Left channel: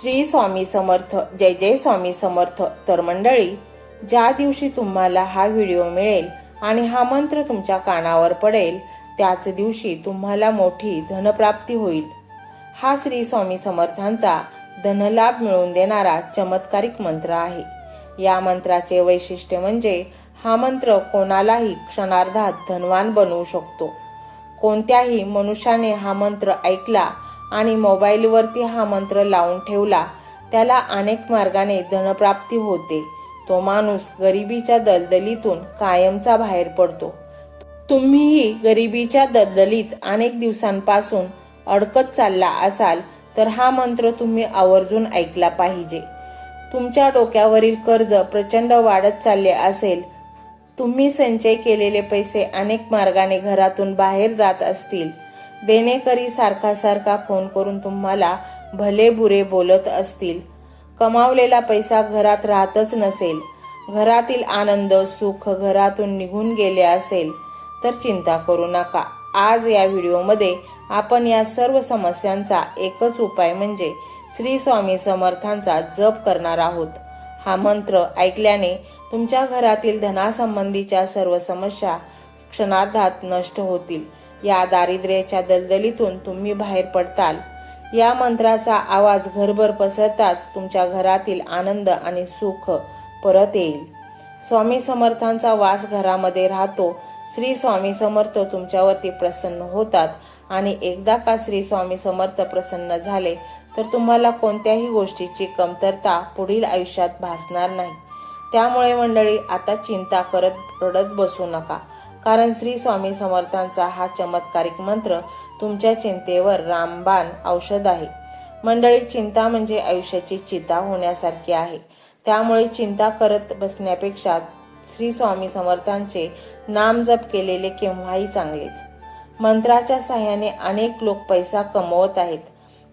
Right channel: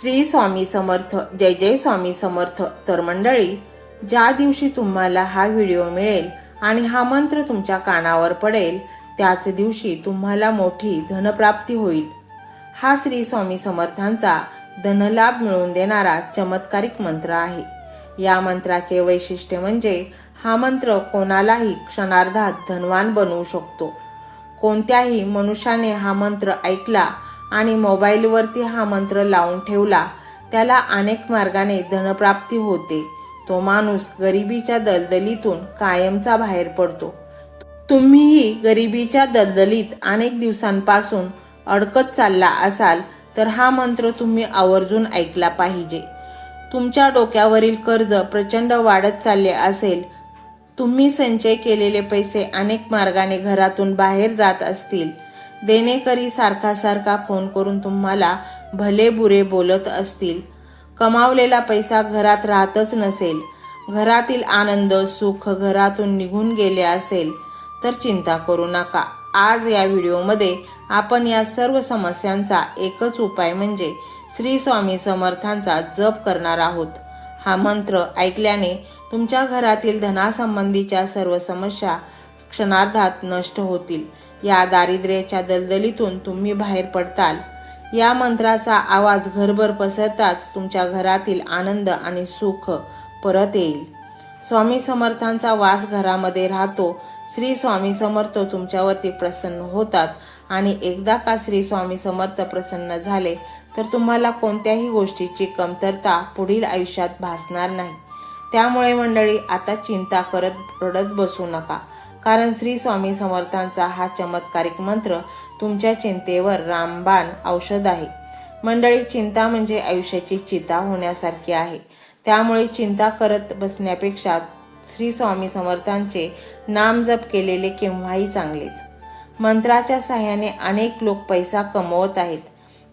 श्री स्वामी समर्थ जय जय स्वामी समर्थ. तर मंडळी ज्या दिवशी तुम्हाला हा व्हिडिओ मिळेल आणि हा मंत्र तुमच्या कानावर पडेल त्याच दिवशी तुम्हाला मोठी धनप्राप्ती होईल. हा श्री स्वामी समर्थांचा धनलाभ मिळवून देणारा चमत्कारिक मंत्र आहे. या मंत्राचे वैशिष्ट्य म्हणजे हा मंत्र कोणालाही क्षणार्धात धनवान बनवू शकतो. कोणत्याही मनुष्याने हा मंत्र ऐकला आणि मोबाईलवरती हा मंत्र लावून ठेवला. त्याला अनेक मार्गाने धनप्राप्ती होते. तो माणूस गरिबीच्या दलदलीतून कायमचा बाहेर पडतो. तुम्हीही गरिबीच्या दलदलीत अनेक दिवसांपासून अडकत चालला असाल तर हा मंत्र तुम्ही आवर्जून ऐकला पाहिजे. तुमच्या डोक्यावरील कर्ज प्रचंड वाढत चालले असेल तुम्ही संचय केलेले पैसे अनेक मार्गाने घरातून बाहेर जात असतील. देणेकरी सारखा सारखा फोन करून तुम्हाला भले बुरे बोलत असतील. कमावलेला पैसा घरात राहतच नसेल. घरातील आनंद सुख घरातून निघून गेले असेल तर चिंता करू नका. आज या व्हिडिओमध्ये आपण या सर्व समस्यांचा एकच उपाय म्हणजे श्री स्वामी समर्थांचा जप करणार आहोत. हा मंत्र ऐकल्याने तुमच्या घरातील धनासंबंधीच्या सर्व समस्या क्षणार्धात नष्ट होतील. या दारिद्र्याच्या दलदलीतून तुम्ही बाहेर पडताल. या मंत्राचा आवाज घरभर पसरताच तुमच्या घरातील आनंद आणि सुख परत येईल. स्वामी समर्थांचा वास घरामध्ये राहतो. श्री स्वामी समर्थ तुमच्यावरती प्रसन्न होतात. आणि एकदा का श्री स्वामी समर्थ प्रसन्न झाले तर तुम्हाला कोणत्याही गोष्टीची कमतरता पुढील आयुष्यात भासणार नाही. त्यामुळे मंडळी आता चिंता करत रडत बसू नका. कारण श्री स्वामी समर्थांचा हा चमत्कारिक मंत्र तुमच्या चिंतेवर रामबाण औषध आहे. मंडळी चिंता म्हणजे आयुष्याची चिता होण्यासारखी आहे. त्यामुळे चिंता करत बसण्यापेक्षा श्री स्वामी समर्थांचे नाम जप केलेले केव्हाही चांगलेच. मंत्राच्या सहाय्याने अनेक लोक पैसा कमवत आहेत.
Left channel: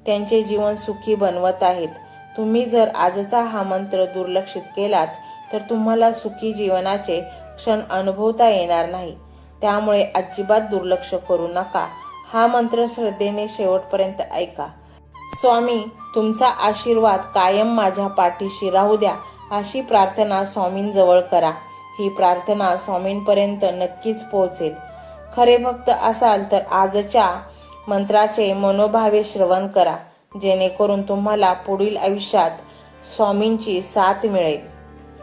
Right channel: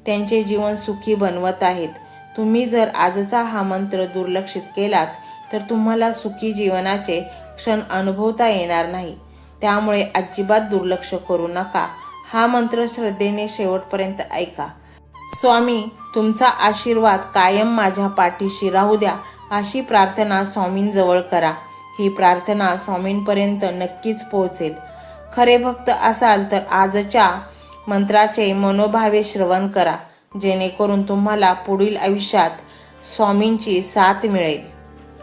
त्यांचे जीवन सुखी बनवत आहेत. तुम्ही जर आजचा हा मंत्र दुर्लक्षित केलात तर तुम्हाला सुखी जीवनाचे क्षण अनुभवता येणार नाही. त्यामुळे अजिबात दुर्लक्ष करू नका. हा मंत्र श्रद्धेने शेवटपर्यंत ऐका. स्वामी तुमचा आशीर्वाद कायम माझ्या पाठीशी राहू द्या अशी प्रार्थना स्वामींजवळ करा. ही प्रार्थना स्वामींपर्यंत नक्कीच पोहोचेल. खरे भक्त असाल तर आजच्या मंत्राचे मनोभावे श्रवण करा. जेणेकरून तुम्हाला पुढील आयुष्यात स्वामींची साथ मिळेल.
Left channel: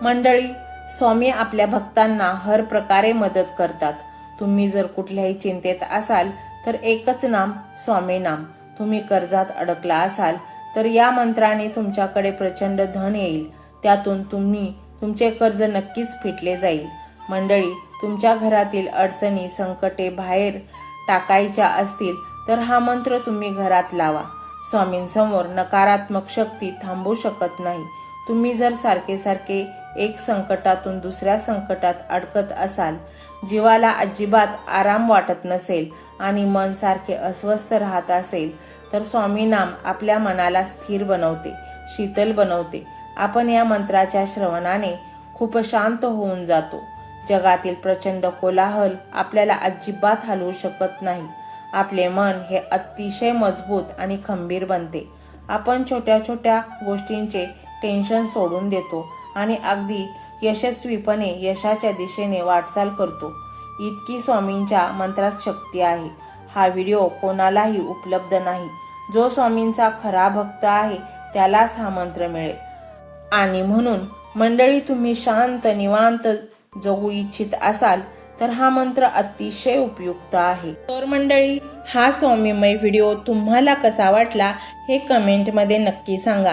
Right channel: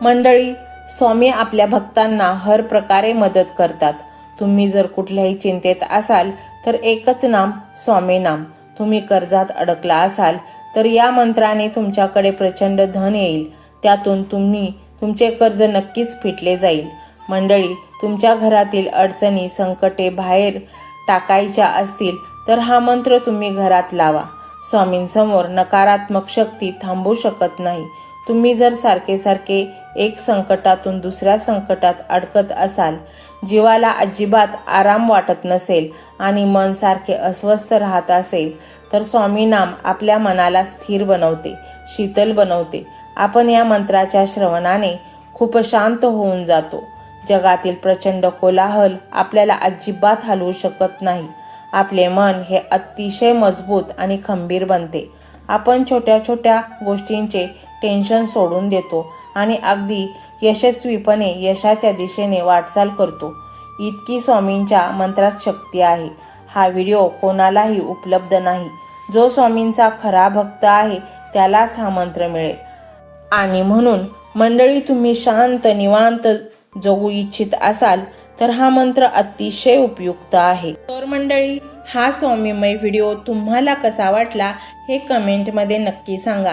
मंडळी स्वामी आपल्या भक्तांना हर प्रकारे मदत करतात. तुम्ही जर कुठल्याही चिंतेत असाल तर एकच नाम स्वामी नाम. तुम्ही कर्जात अडकला असाल तर या मंत्राने तुमच्याकडे प्रचंड धन येईल. त्यातून तुम्ही तुमचे कर्ज नक्कीच फिटले जाईल. मंडळी तुमच्या घरातील अडचणी संकटे बाहेर टाकायच्या असतील तर हा मंत्र तुम्ही घरात लावा. स्वामींसमोर नकारात्मक शक्ती थांबू शकत नाही. तुम्ही जर सारखे सारखे एक संकटातून दुसऱ्या संकटात अडकत असाल. जीवाला अजिबात आराम वाटत नसेल आणि मन सारखे अस्वस्थ राहत असेल तर स्वामी नाम आपल्या मनाला स्थिर बनवते शीतल बनवते. आपण या मंत्राच्या श्रवणाने खूप शांत होऊन जातो. जगातील प्रचंड कोलाहल आपल्याला अजिबात हलवू शकत नाही. आपले मन हे अतिशय मजबूत आणि खंबीर बनते. आपण छोट्या छोट्या गोष्टींचे टेन्शन सोडून देतो. आणि अगदी यशस्वीपणे यशाच्या दिशेने वाटचाल करतो. इतकी स्वामींच्या मंत्रात शक्ती आहे. हा व्हिडिओ कोणालाही उपलब्ध नाही. जो स्वामींचा खरा भक्त आहे त्यालाच हा मंत्र मिळेल. आणि म्हणून मंडळी तुम्ही शांत निवांत जगू इच्छित असाल तर हा मंत्र अतिशय उपयुक्त आहे. तर मंडळी हा स्वामीमय व्हिडिओ तुम्हाला कसा वाटला हे कमेंटमध्ये नक्की सांगा.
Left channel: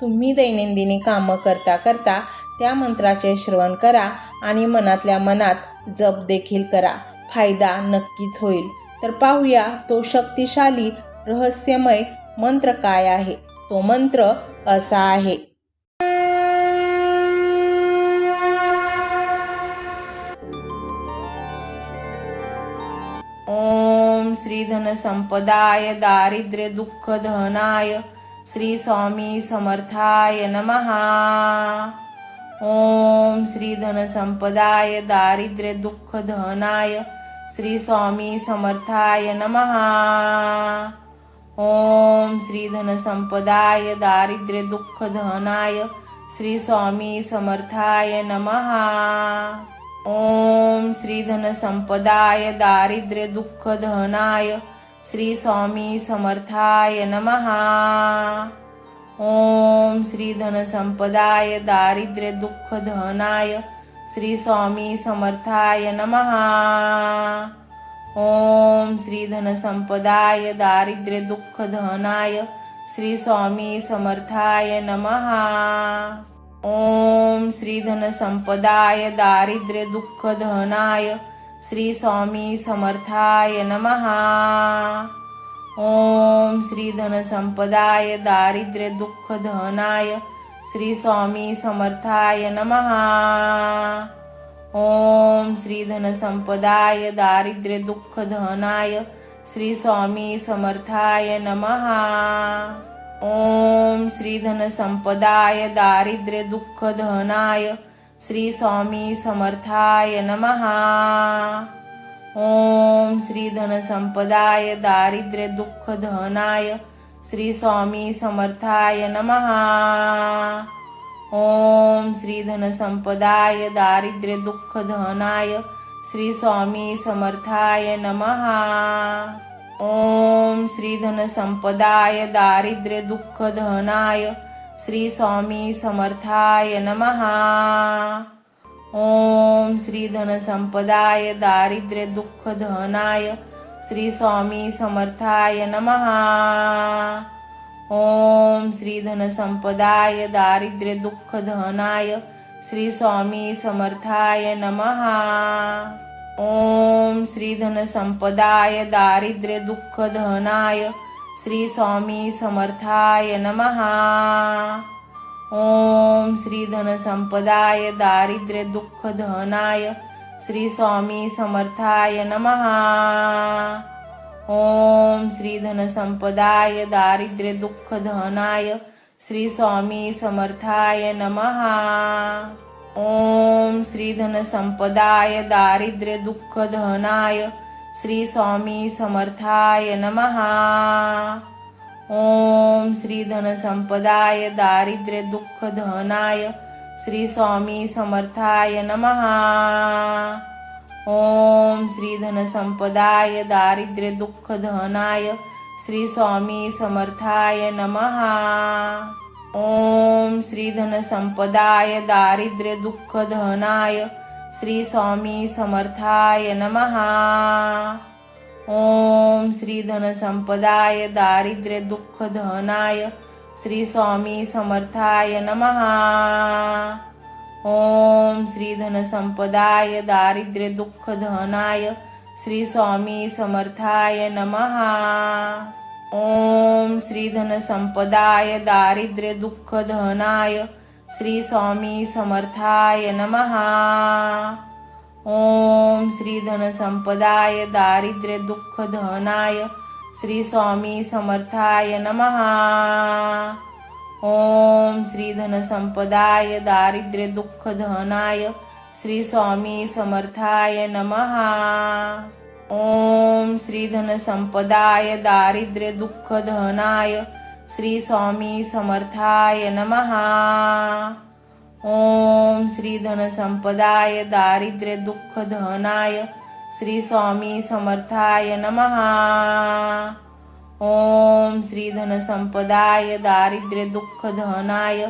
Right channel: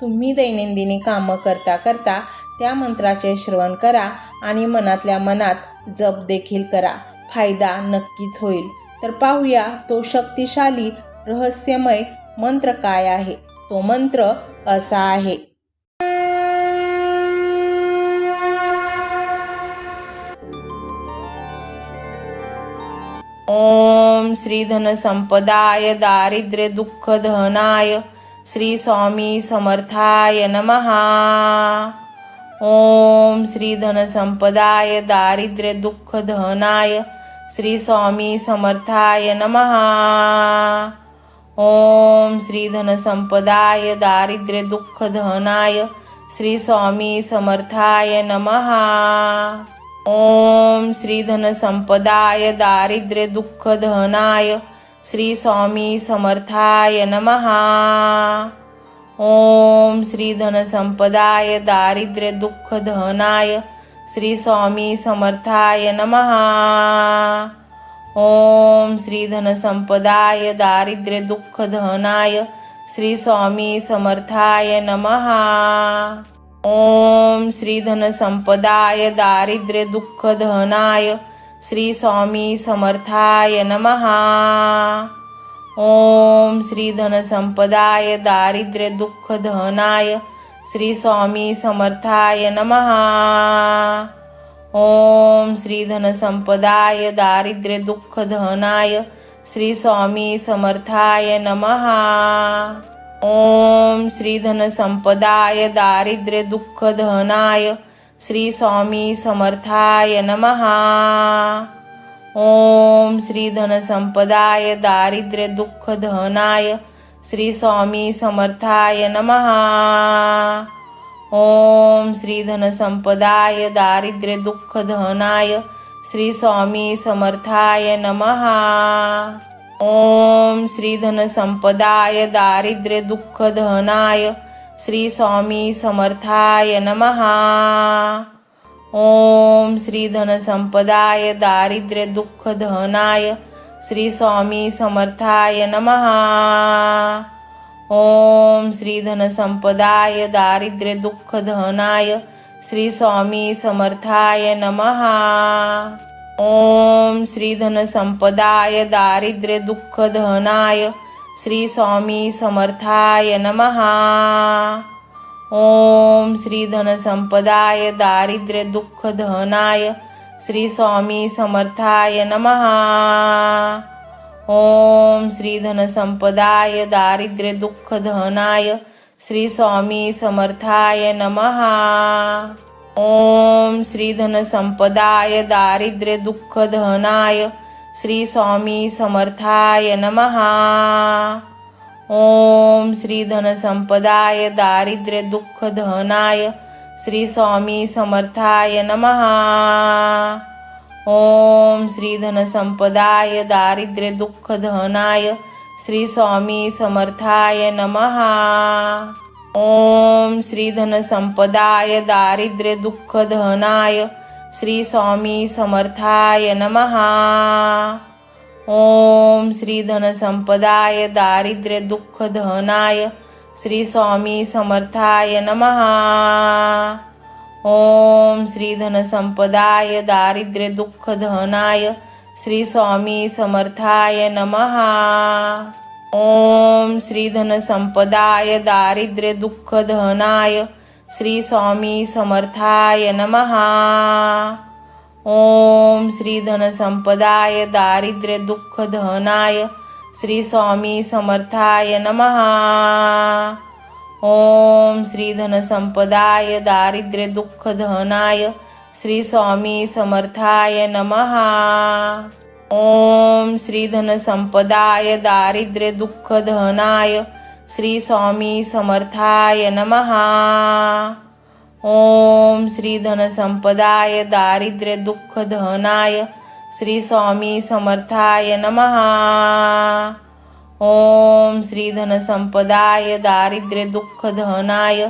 तुम्ही दैनंदिनी कामं करता करता त्या मंत्राचे श्रवण करा आणि मनातल्या मनात जप देखील करा. फायदा नक्कीच होईल. तर पाहूया तो शक्तिशाली रहस्यमय मंत्र काय आहे? तो मंत्र असा आहे. ओम श्री धन संपदाय दारिद्र्य दुःख दहनाय श्री स्वामी समर्थाय नमहा ओम श्री धन संपदाय दारिद्र्य दुःख धनाय श्री स्वामी समर्थाय नमहा ओम श्री धन संपदाय दारिद्र्य दुःख धनाय श्री स्वामी समर्थाय नमहा ओम श्री धन संपदाय दारिद्र्य दुःख दहनाय श्री स्वामी समर्थाय नमहा ओम श्री धन संपदाय दारिद्र्य दुःख धनाय श्री स्वामी समर्थाय नमहा ओम श्री धन संपदाय दारिद्र्य दुःख धनाय श्री स्वामी समर्थाय नमहा ओम श्री धन संपदाय दारिद्र्य दुःख दहनाय श्री स्वामी समर्थाय नमहा ओम श्री धन संपदाय दारिद्र्य दुःख धनाय श्री स्वामी समर्थाय नमहा ओम श्री धन संपदाय दारिद्र्य दुःख धनाय श्री स्वामी समर्थाय नमहा ओम श्री धन संपदाय दारिद्र्य दुःख दहनाय श्री स्वामी समर्थाय नमहा ओम श्री धन संपदाय दारिद्र्य दुःख धनाय श्री स्वामी समर्थाय नमहा ओम श्री धन संपदाय दारिद्र्य दुःख धनाय श्री स्वामी समर्थाय नमहा ओम श्री धन संपदाय दारिद्र्य दुःख दहनाय श्री स्वामी समर्थाय नमहा ओम श्री धन संपदाय दारिद्र्य दुःख धनाय श्री स्वामी समर्थाय नमहा ओम श्री धन संपदाय दारिद्र्य दुःख धनाय श्री स्वामी समर्थाय नमहा ओम श्री धन संपदाय दारिद्र्य दुःख दहनाय श्री स्वामी समर्थाय नमहा ओम श्री धन संपदाय दारिद्र्य दुःख धनाय श्री स्वामी समर्थाय नमहा ओम श्री धन संपदाय दारिद्र्य दुःख धनाय श्री स्वामी समर्थाय नमहा ओम श्री धन संपदाय दारिद्र्य दुःख दहनाय श्री स्वामी समर्थाय नमहा ओम श्री धन संपदाय दारिद्र्य दुःख धनाय श्री स्वामी समर्थाय नमहा ओम श्री धन संपदाय दारिद्र्य दुःख धनाय श्री स्वामी समर्थाय नमहा ओम श्री धन संपदाय दारिद्र्य दुःख दहनाय श्री स्वामी समर्थाय नमहा. ओम श्री धन संपदाय दारिद्र्य दुःख धनाय श्री स्वामी समर्थाय नमहा. ओम श्री धन संपदाय दारिद्र्य दुःख धनाय श्री स्वामी समर्थाय नमहा. ओम श्री धन संपदाय दारिद्र्य दुःख दहनाय श्री स्वामी समर्थाय नमहा ओम श्री धन संपदाय दारिद्र्य दुःख धनाय श्री स्वामी समर्थाय नमहा ओम श्री धन संपदाय दारिद्र्य दुःख धनाय श्री स्वामी समर्थाय नमहा ओम श्री धन संपदाय दारिद्र्य दुःख दहनाय श्री स्वामी समर्थाय नमहा ओम श्री धन संपदाय दारिद्र्य दुःख धनाय श्री स्वामी समर्थाय नमहा ओम श्री धन संपदाय दारिद्र्य दुःख धनाय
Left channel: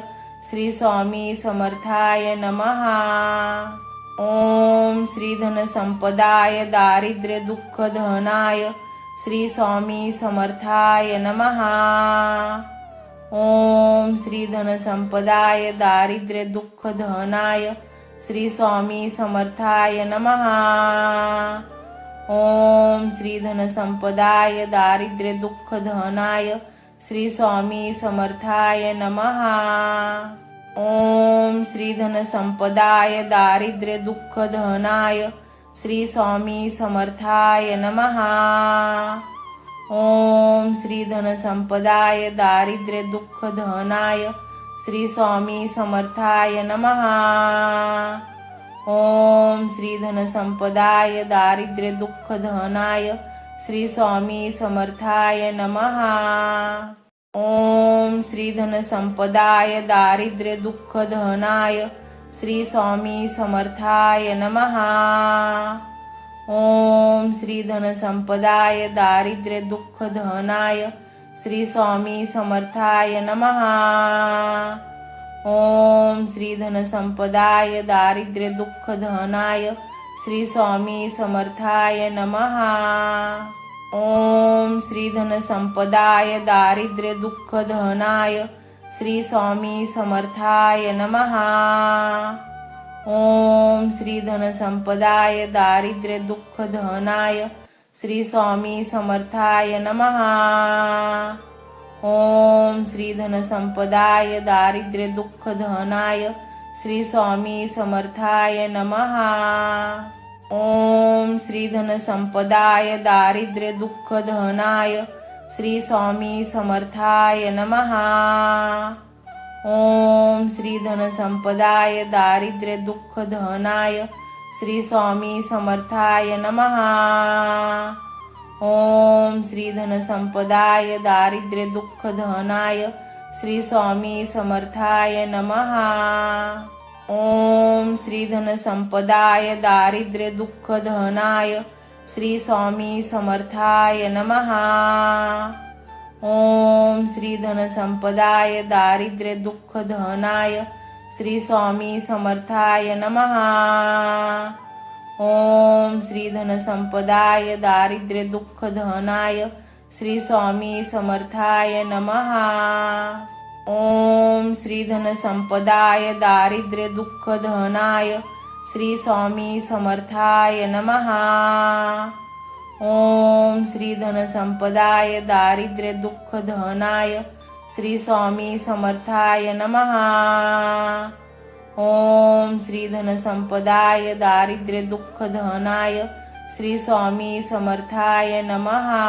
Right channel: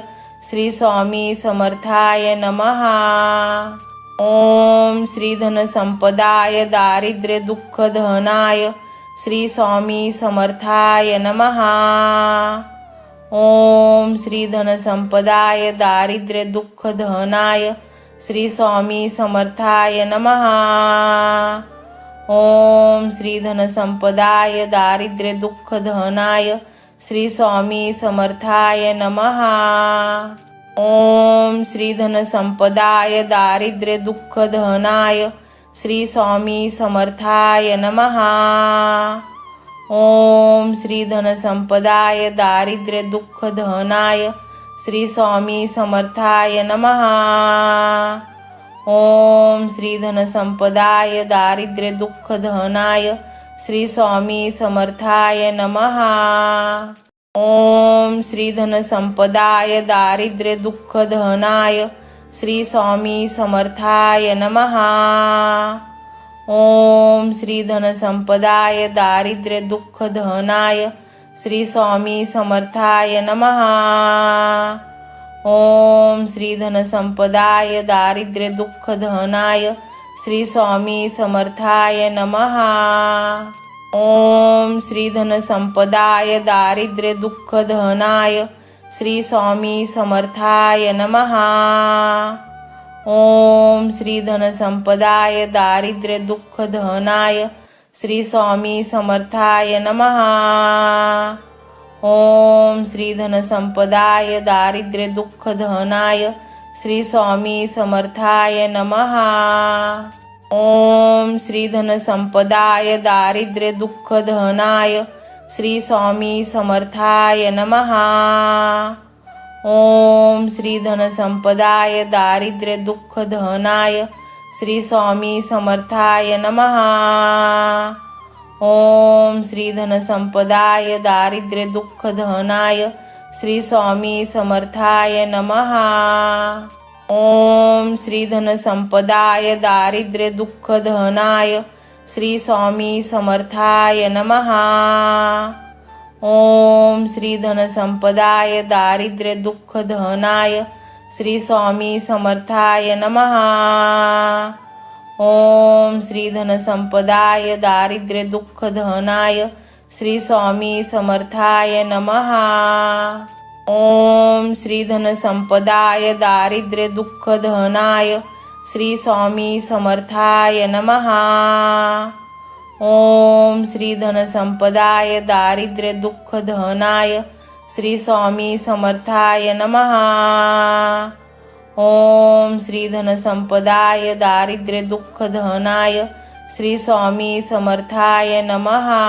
श्री स्वामी समर्थाय नमहा ओम श्री धन संपदाय दारिद्र्य दुःख दहनाय श्री स्वामी समर्थाय नमहा ओम श्री धन संपदाय दारिद्र्य दुःख धनाय श्री स्वामी समर्थाय नमहा ओम श्री धन संपदाय दारिद्र्य दुःख धनाय श्री स्वामी समर्थाय नमहा ओम श्री धन संपदाय दारिद्र्य दुःख दहनाय श्री स्वामी समर्थाय नमहा ओम श्री धन संपदाय दारिद्र्य दुःख धनाय श्री स्वामी समर्थाय नमहा ओम श्री धन संपदाय दारिद्र्य दुःख धनाय श्री स्वामी समर्थाय नमहा ओम श्री धन संपदाय दारिद्र्य दुःख दहनाय श्री स्वामी समर्थाय नमहा. ओम श्री धन संपदाय दारिद्र्य दुःख धनाय श्री स्वामी समर्थाय नमहा. ओम श्री धन संपदाय दारिद्र्य दुःख धनाय श्री स्वामी समर्थाय नमहा. ओम श्री धन संपदाय दारिद्र्य दुःख दहनाय श्री स्वामी समर्थाय नमहा ओम श्री धन संपदाय दारिद्र्य दुःख धनाय श्री स्वामी समर्थाय नमहा ओम श्री धन संपदाय दारिद्र्य दुःख धनाय श्री स्वामी समर्थाय नमहा ओम श्री धन संपदाय दारिद्र्य दुःख दहनाय श्री स्वामी समर्थाय नमहा ओम श्री धन संपदाय दारिद्र्य दुःख धनाय श्री स्वामी समर्थाय नमहा ओम श्री धन संपदाय दारिद्र्य दुःख धनाय श्री स्वामी समर्थाय नमहा ओम श्री धन संपदाय दारिद्र्य दुःख दहनाय श्री स्वामी समर्थाय नमहा ओम श्री धन संपदाय दारिद्र्य दुःख धनाय श्री स्वामी समर्थाय नमहा ओम श्री धन संपदाय दारिद्र्य दुःख धनाय श्री स्वामी समर्थाय नमहा ओम श्री धन संपदाय दारिद्र्य दुःख दहनाय श्री स्वामी समर्थाय नमहा ओम श्री धन संपदाय दारिद्र्य दुःख धनाय श्री स्वामी समर्थाय नमहा ओम श्री धन संपदाय दारिद्र्य दुःख धनाय श्री स्वामी समर्थाय नमहा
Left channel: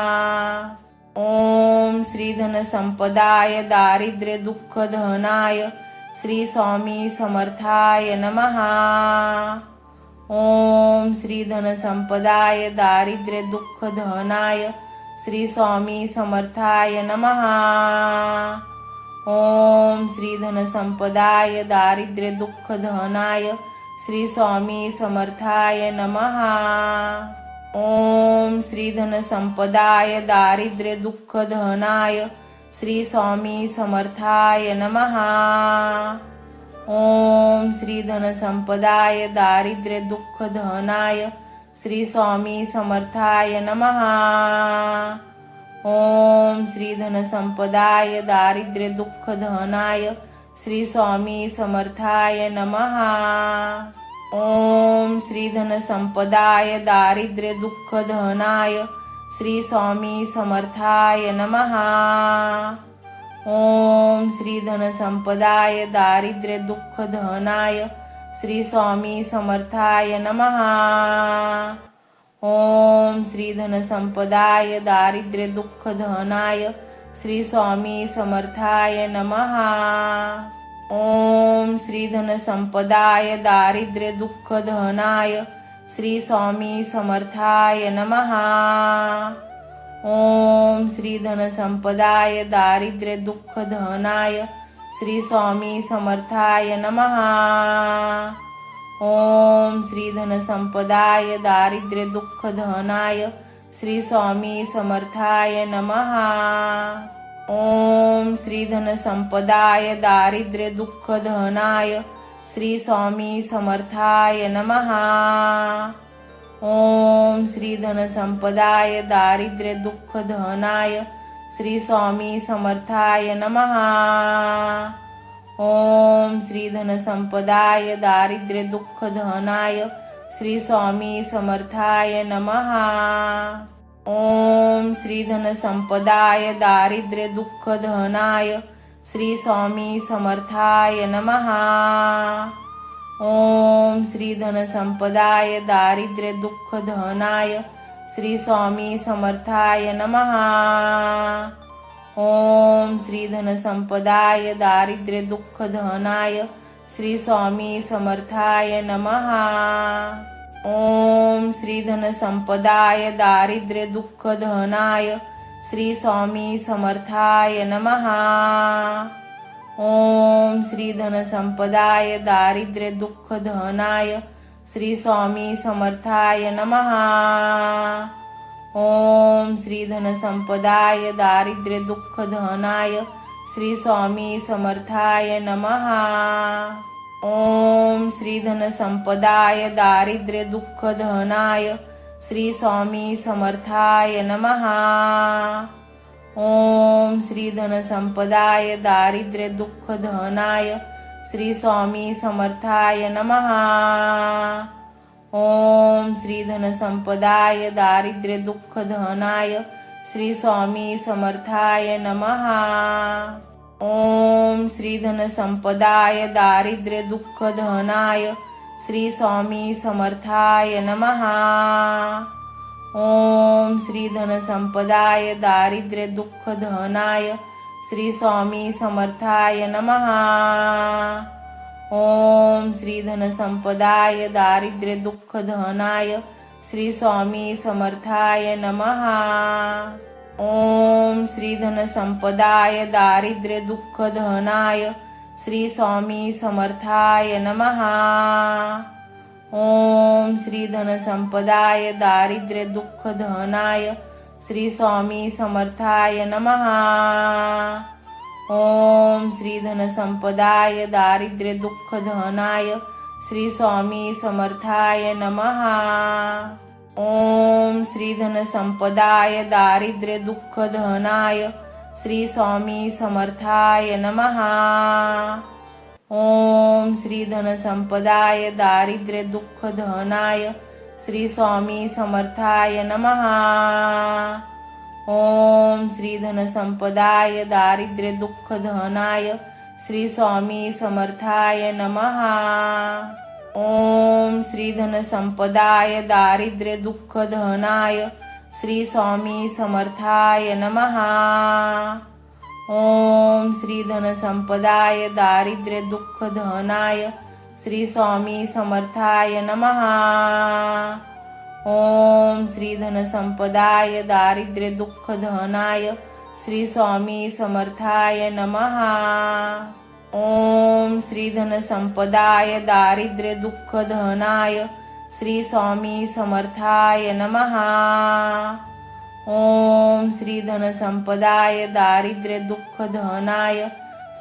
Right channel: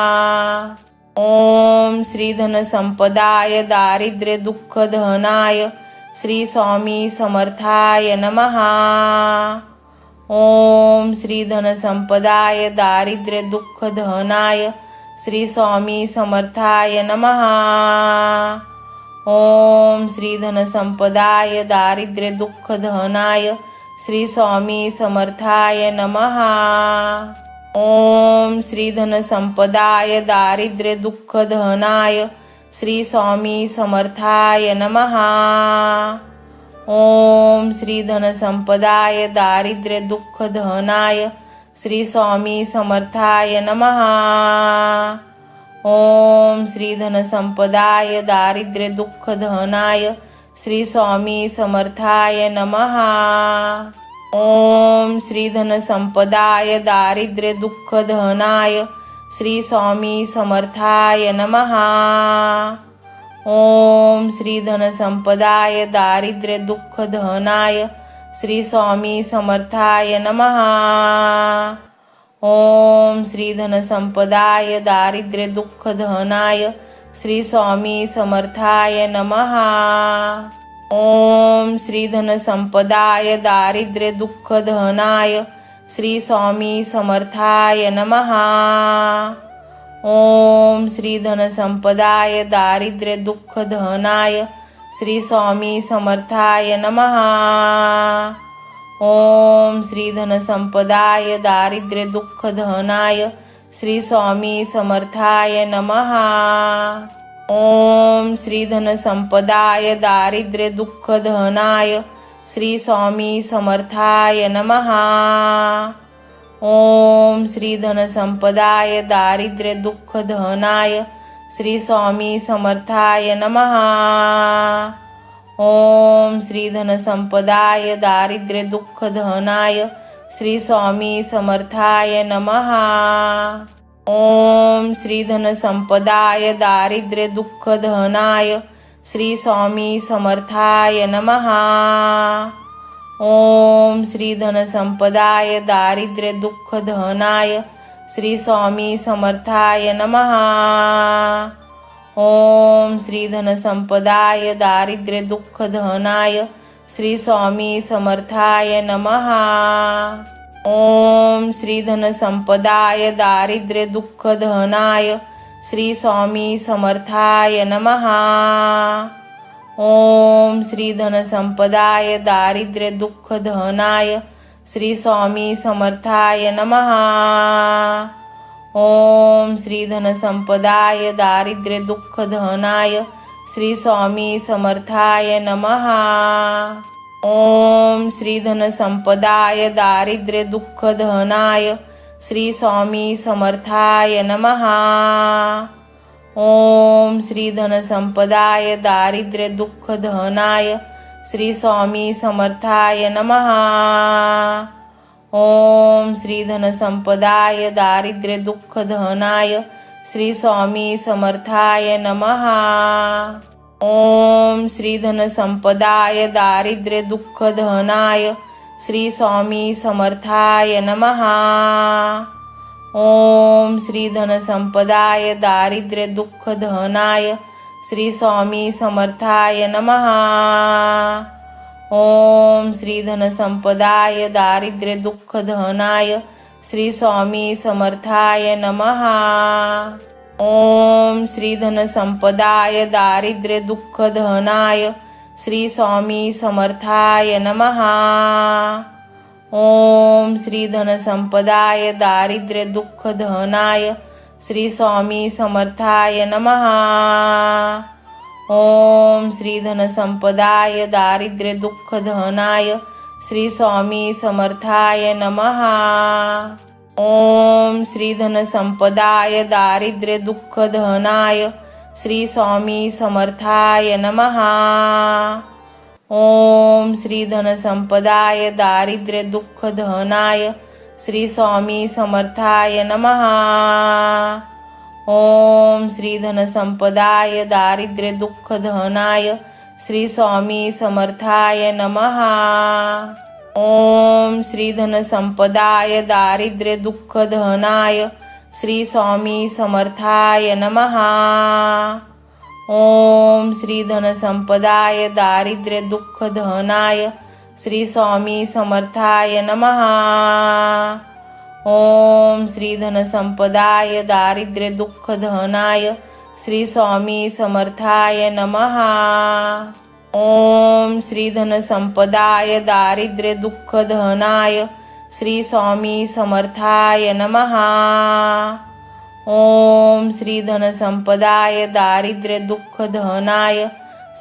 ओम श्री धन संपदाय दारिद्र्य दुःख दहनाय श्री स्वामी समर्थाय नमहा ओम श्री धन संपदाय दारिद्र्य दुःख दहनाय श्री स्वामी समर्थाय नमहा ओम श्री धन संपदाय दारिद्र्य दुःख दहनाय श्री स्वामी समर्थाय नमहा ओम श्री धन संपदाय दारिद्र्य दुःख दहनाय श्री स्वामी समर्थाय नमहा ओम श्री धन संपदाय दारिद्र्य दुःख धनाय श्री स्वामी समर्थाय नमहा ओम श्री धन संपदाय दारिद्र्य दुःख धनाय श्री स्वामी समर्थाय नमहा ओम श्री धन संपदाय दारिद्र्य दुःख धनाय श्री स्वामी समर्थाय नमहा ओम श्री धन संपदाय दारिद्र्य दुःख धनाय श्री स्वामी समर्थाय नमहा ओम श्री धन संपदाय दारिद्र्य दुःख धनाय श्री स्वामी समर्थाय नमहा ओम श्री धन संपदाय दारिद्र्य दुःख दहनाय श्री स्वामी समर्थाय नमहा ओम श्री धन संपदाय दारिद्र्य दुःख धनाय श्री स्वामी समर्थाय नमहा ओम श्री धन संपदाय दारिद्र्य दुःख धनाय श्री स्वामी समर्थाय नमहा ओम श्री धन संपदाय दारिद्र्य दुःख दहनाय श्री स्वामी समर्थाय नमहा ओम श्री धन संपदाय दारिद्र्य दुःख धनाय श्री स्वामी समर्थाय नमहा ओम श्री धन संपदाय दारिद्र्य दुःख धनाय श्री स्वामी समर्थाय नमहा ओम श्री धन संपदाय दारिद्र्य दुःख दहनाय श्री स्वामी समर्थाय नमहा ओम श्री धन संपदाय दारिद्र्य दुःख धनाय श्री स्वामी समर्थाय नमहा ओम श्री धन संपदाय दारिद्र्य दुःख धनाय श्री स्वामी समर्थाय नमहा ओम श्री धन संपदाय दारिद्र्य दुःख धनाय श्री स्वामी समर्थाय नमहा ओम श्री धन संपदाय दारिद्र्य दुःख धनाय श्री स्वामी समर्थाय नमहा ओम श्री धन संपदाय दारिद्र्य दुःख धनाय श्री स्वामी समर्थाय नमहा ओम श्री धन संपदाय दारिद्र्य दुःख दहनाय श्री स्वामी समर्थाय नमहा ओम श्री धन संपदाय दारिद्र्य दुःख धनाय श्री स्वामी समर्थाय नमहा ओम श्री धन संपदाय दारिद्र्य दुःख धनाय श्री स्वामी समर्थाय नमहा ओम श्री धन संपदाय दारिद्र्य दुःख धनाय श्री स्वामी समर्थाय नमहा ओम श्री धन संपदाय दारिद्र्य दुःख धनाय श्री स्वामी समर्थाय नमहा ओम श्री धन संपदाय दारिद्र्य दुःख धनाय श्री स्वामी समर्थाय नमहा ओम श्री धन संपदाय दारिद्र्य दुःख दहनाय श्री स्वामी समर्थाय नमहा ओम श्री धन संपदाय दारिद्र्य दुःख धनाय श्री स्वामी समर्थाय नमहा ओम श्री धन संपदाय दारिद्र्य दुःख धनाय श्री स्वामी समर्थाय नमहा ओम श्री धन संपदाय दारिद्र्य दुःख दहनाय श्री स्वामी समर्थाय नमहा ओम श्री धन संपदाय दारिद्र्य दुःख धनाय श्री स्वामी समर्थाय नमहा ओम श्री धन संपदाय दारिद्र्य दुःख धनाय श्री स्वामी समर्थाय नमहा ओम श्री धन संपदाय दारिद्र्य दुःख दहनाय श्री स्वामी समर्थाय नमहा ओम श्री धन संपदाय दारिद्र्य दुःख धनाय श्री स्वामी समर्थाय नमहा ओम श्री धन संपदाय दारिद्र्य दुःख धनाय श्री स्वामी समर्थाय नमहा ओम श्री धन संपदाय दारिद्र्य दुःख दहनाय श्री स्वामी समर्थाय नमहा ओम श्री धन संपदाय दारिद्र्य दुःख धनाय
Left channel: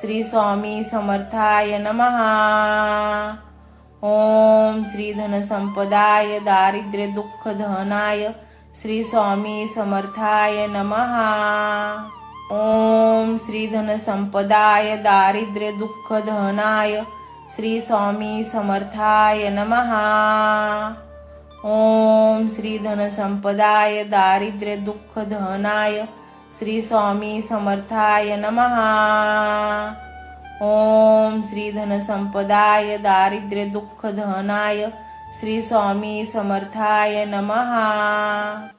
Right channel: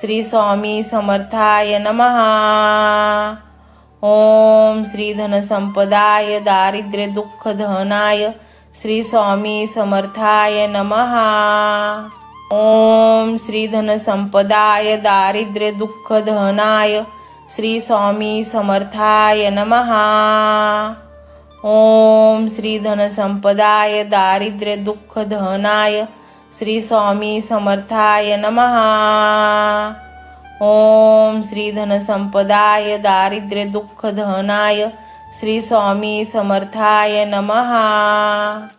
श्री स्वामी समर्थाय नमहा ओम श्री धन संपदाय दारिद्र्य दुःख धनाय श्री स्वामी समर्थाय नमहा ओम श्री धन संपदाय दारिद्र्य दुःख दहनाय श्री स्वामी समर्थाय नमहा ओम श्री धन संपदाय दारिद्र्य दुःख धनाय श्री स्वामी समर्थाय नमहा ओम श्री धन संपदाय दारिद्र्य दुःख धनाय श्री स्वामी समर्थाय नमहा